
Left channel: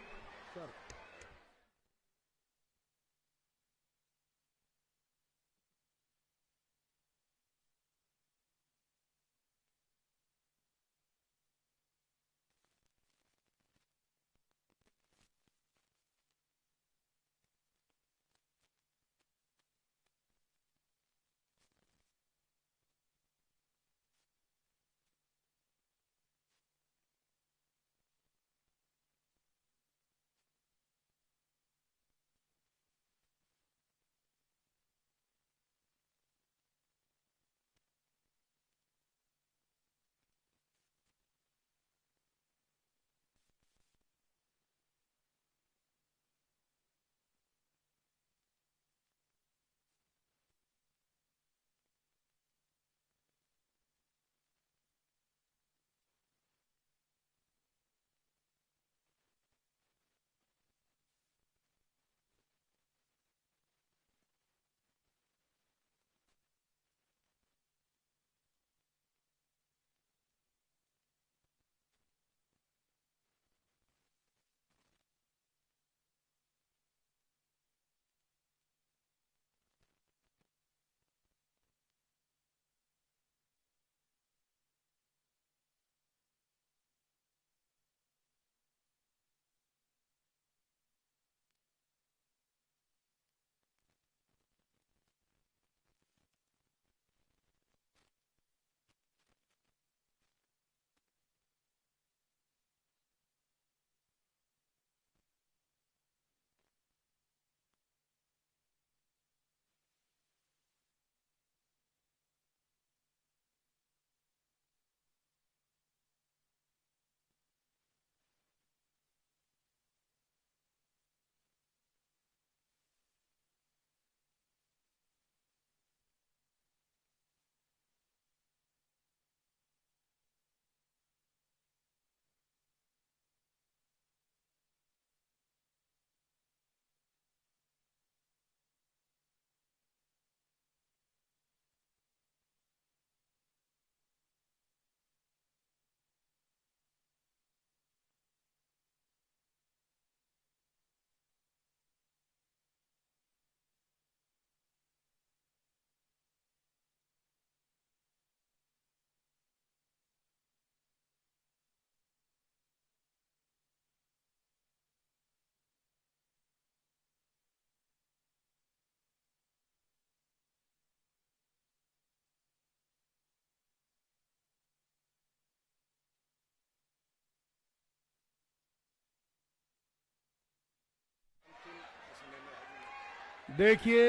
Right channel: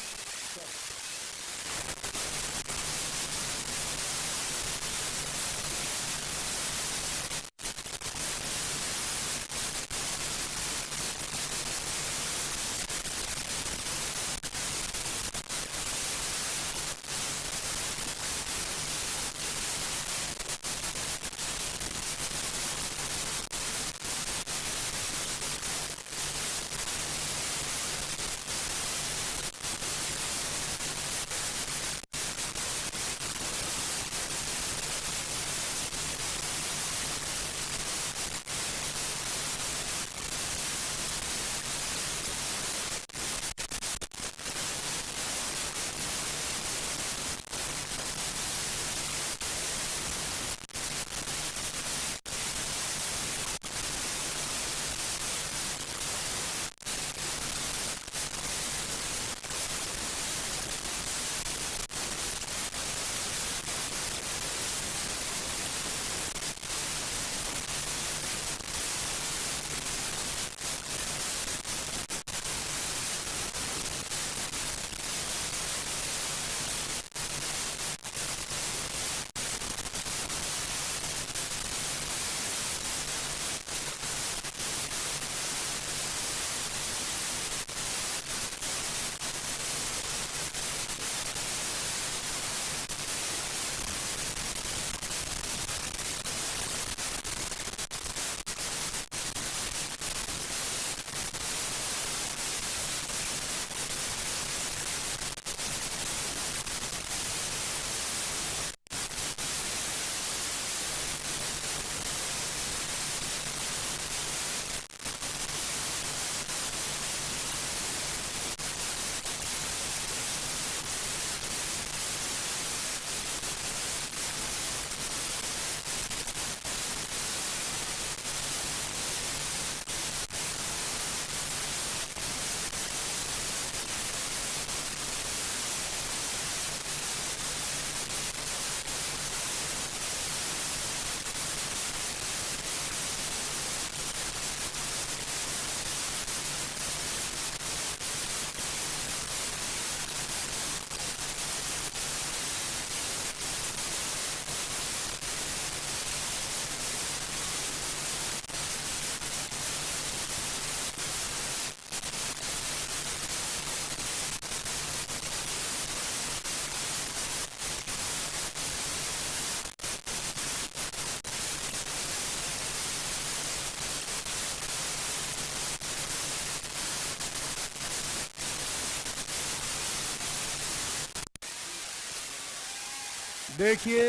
देखिए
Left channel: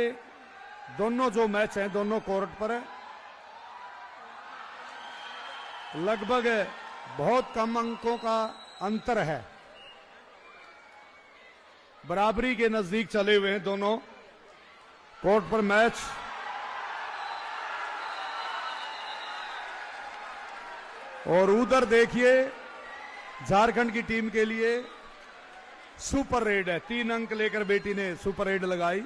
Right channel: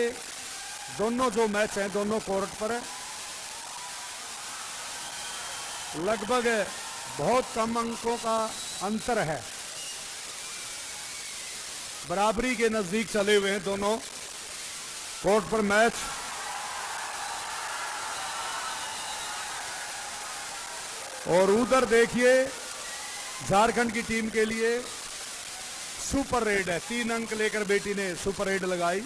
दोनों जो मैच हैं दोनों कोर्ट पर लगभग बहुत कम अंकों का अंतर है, बराबरी के नजदीक चले हुए हैं दोनों कोर्ट पर मैच। और उधर देखिए झारखंड की टीम के लिए सुपर रेड है, 3 अंक लेकर बेटी ने सुपर रेड लगाई।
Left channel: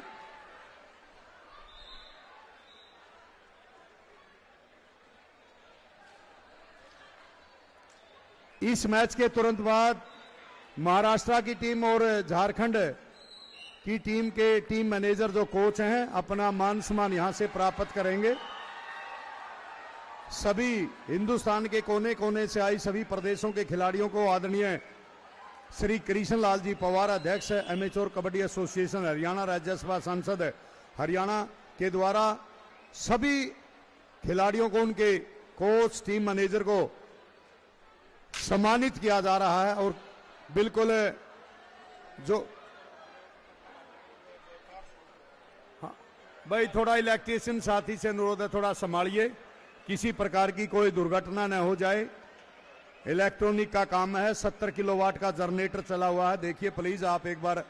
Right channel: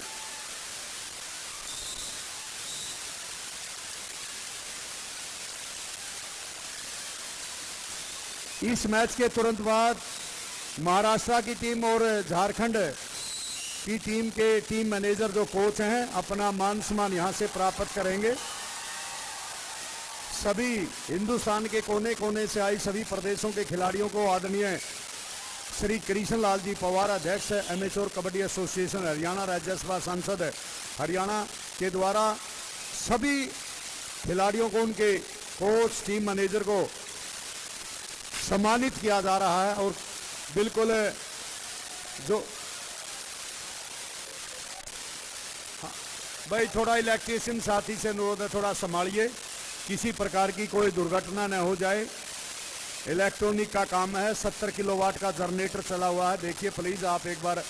इस मैच के तुरंत बाद महाराष्ट्र की टीम और झारखंड की टीम के टीम मैनेजर जो कोच हैं अपना मान सम्मान यहां से प्राप्त करेंगे। सभी हिंदुस्तान के कोने कोने से आई सभी प्रदेशों के खिलाड़ियों को आदरणीय श्री कृष्ण लाल जी पवार, अध्यक्ष एमेच्योर कबड्डी एसोसिएशन हरियाणा, राज्यसभा सांसद हरियाणा के द्वारा सभी खिलाड़ियों को, उनके कोच, टीम मैनेजर को सम्मानित किया जा रहा है। और बिल्कुल जो भाई थोड़ा इलेक्ट्रीशियन साथी से अनुरोध है, थोड़ा संभालिए, किसी प्रकार की कोई दुर्घटना न हो जाए। इलेक्ट्रॉनिक का काम है, 70 किलोवाट का जनरेटर चला हुआ है। देखिए प्लीज आप एक बार,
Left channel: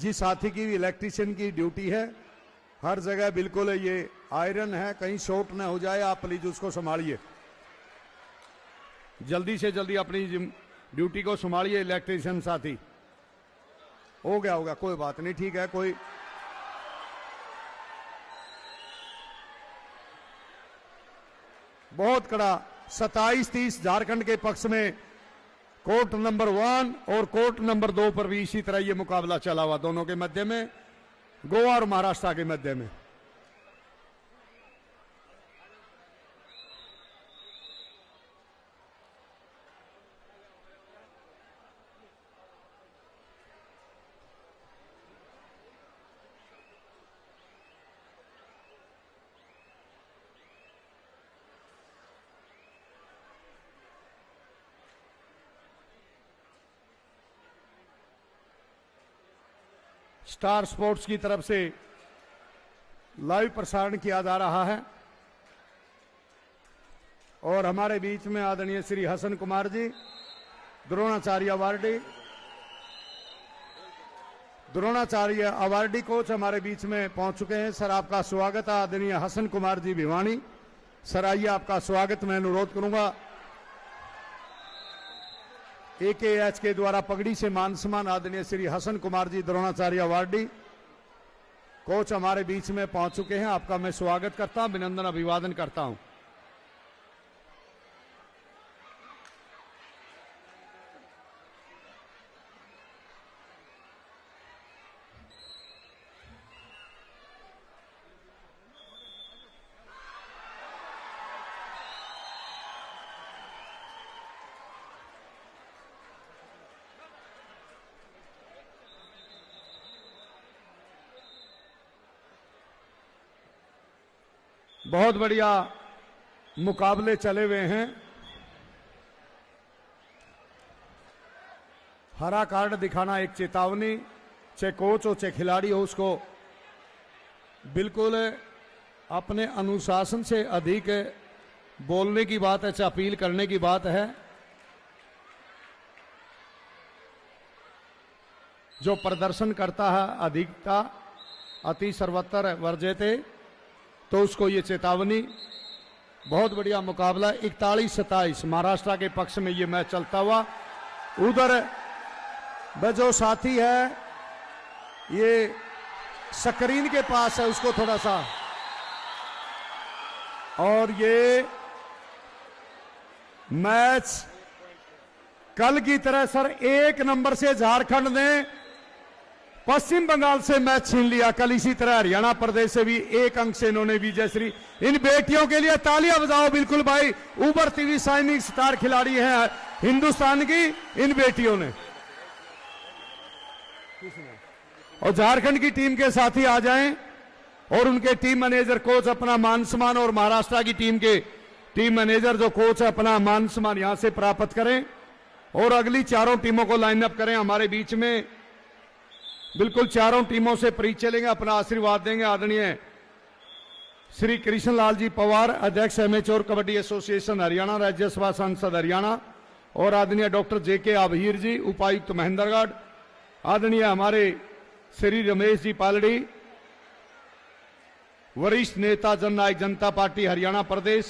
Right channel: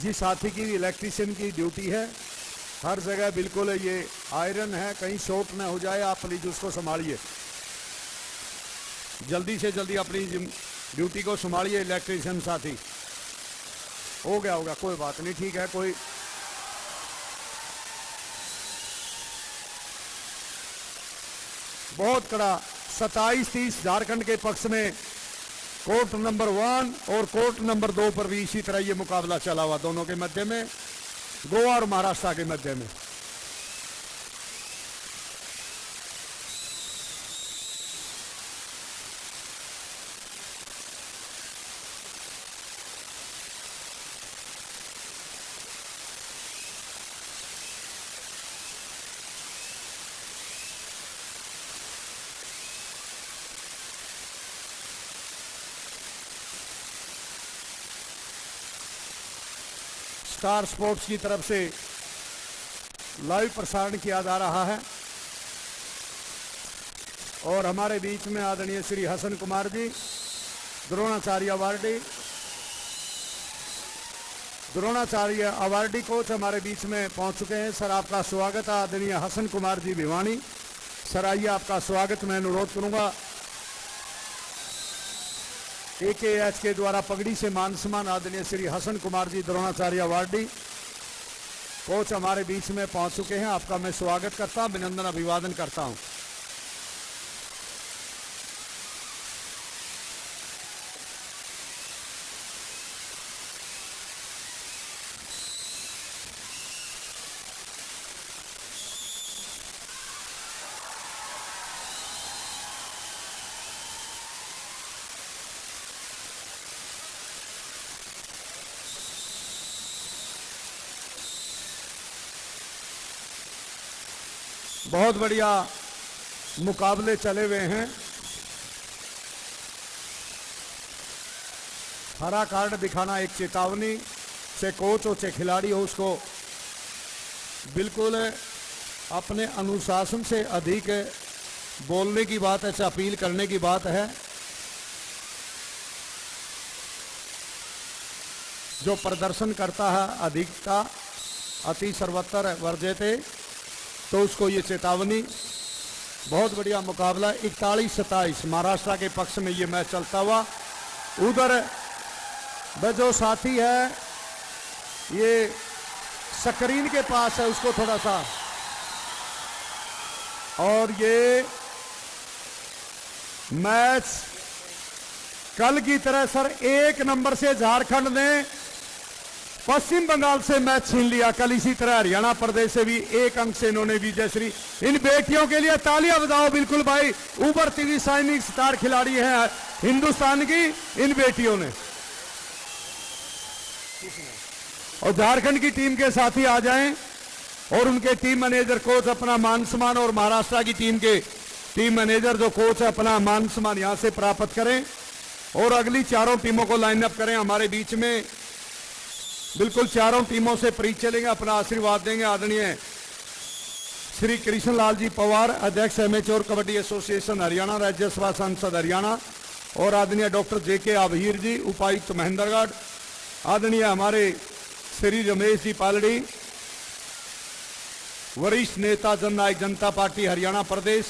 जिस साथी की इलेक्ट्रीशियन की ड्यूटी है हर जगह बिल्कुल ये आयरन है, कहीं शॉर्ट न हो जाए, आप प्लीज उसको संभालिए, जल्दी से जल्दी अपनी ड्यूटी को संभालिए इलेक्ट्रीशियन साथी। हो गया होगा, कोई बात नहीं, ठीक है। कोई बहुत कड़ा 27-30 झारखंड के पक्ष में कोर्ट नंबर 1 और कोर्ट नंबर 2 पर भी इसी तरह ये मुकाबला चला हुआ, दोनों के मध्य में, गोवा और महाराष्ट्र के मध्य में। स्टार स्पोर्ट्स की तरफ से लाइव प्रसारण किया जा रहा है और हमारे बीच में आदरणीय श्री हसन कुमार जी, द्रोणाचार्य अवार्डी कोच हमारे बीच में पहुंच चुके हैं। सर आपका स्वागत है, आदरणीय हसन कुमार जी भिवानी। सर आइए, आपका स्वागत। मैं अनुरोध करूंगा AKH के द्वारा पगड़ी से मान सम्मान आदरणीय श्री हसन कुमार जी द्रोणाचार्य अवार्डी कोच हमारे बीच में पहुंच चुके हैं। आपका मैं स्वागत करता हूं, अभिनंदन अभिवादन करता हूं। बहुत बढ़िया मुकाबले चले हुए हैं। हरा कार्ड दिखाना एक चेतावनी, चाहे कोच हो चाहे खिलाड़ी हो, उसको बिल्कुल अपने अनुशासन से अधिक बोलने की बात है, चाहे अपील करने की बात है। जो प्रदर्शन करता है अधिक का अति सर्वत्र वर्जेते, तो उसको ये चेतावनी। बहुत बढ़िया मुकाबला, 41-27 महाराष्ट्र के पक्ष में ये मैच चलता हुआ। उधर जो साथी है ये स्क्रीन के पास है, उसको थोड़ा सा, और ये मैच कल की तरह सर 1 नंबर से झारखंड ने पश्चिम बंगाल से मैच छीन लिया। कल इसी तरह हरियाणा प्रदेश से भी 1 अंक से इन्होंने विजयश्री। इन बेटियों के लिए तालियां बजाओ बिल्कुल भाई, उभरती हुई शाइनिंग स्टार खिलाड़ी है हिंदुस्तान की इन बेटियों ने। और झारखंड की टीम के साथी आ जाएं और उनके टीम मैनेजर कोच अपना मान सम्मान, और महाराष्ट्र की टीम के टीम मैनेजर जो कोच है अपना मान सम्मान यहां से प्राप्त करें और अगली चारों टीमों को लाइन अप करें। हमारे बीच में बिल्कुल चारों टीमों से परिचय चलेंगे, अपना आशीर्वाद देंगे। आदरणीय श्री कृष्णलाल जी पवार, अध्यक्ष एमेच्योर कबड्डी एसोसिएशन हरियाणा, राज्यसभा सांसद हरियाणा, और आदरणीय डॉक्टर JK आभीर जी, उपायुक्त महेंद्रगढ़, आदरणीय हमारे श्री रमेश जी पालड़ी, वरिष्ठ नेता जननायक जनता पार्टी हरियाणा प्रदेश,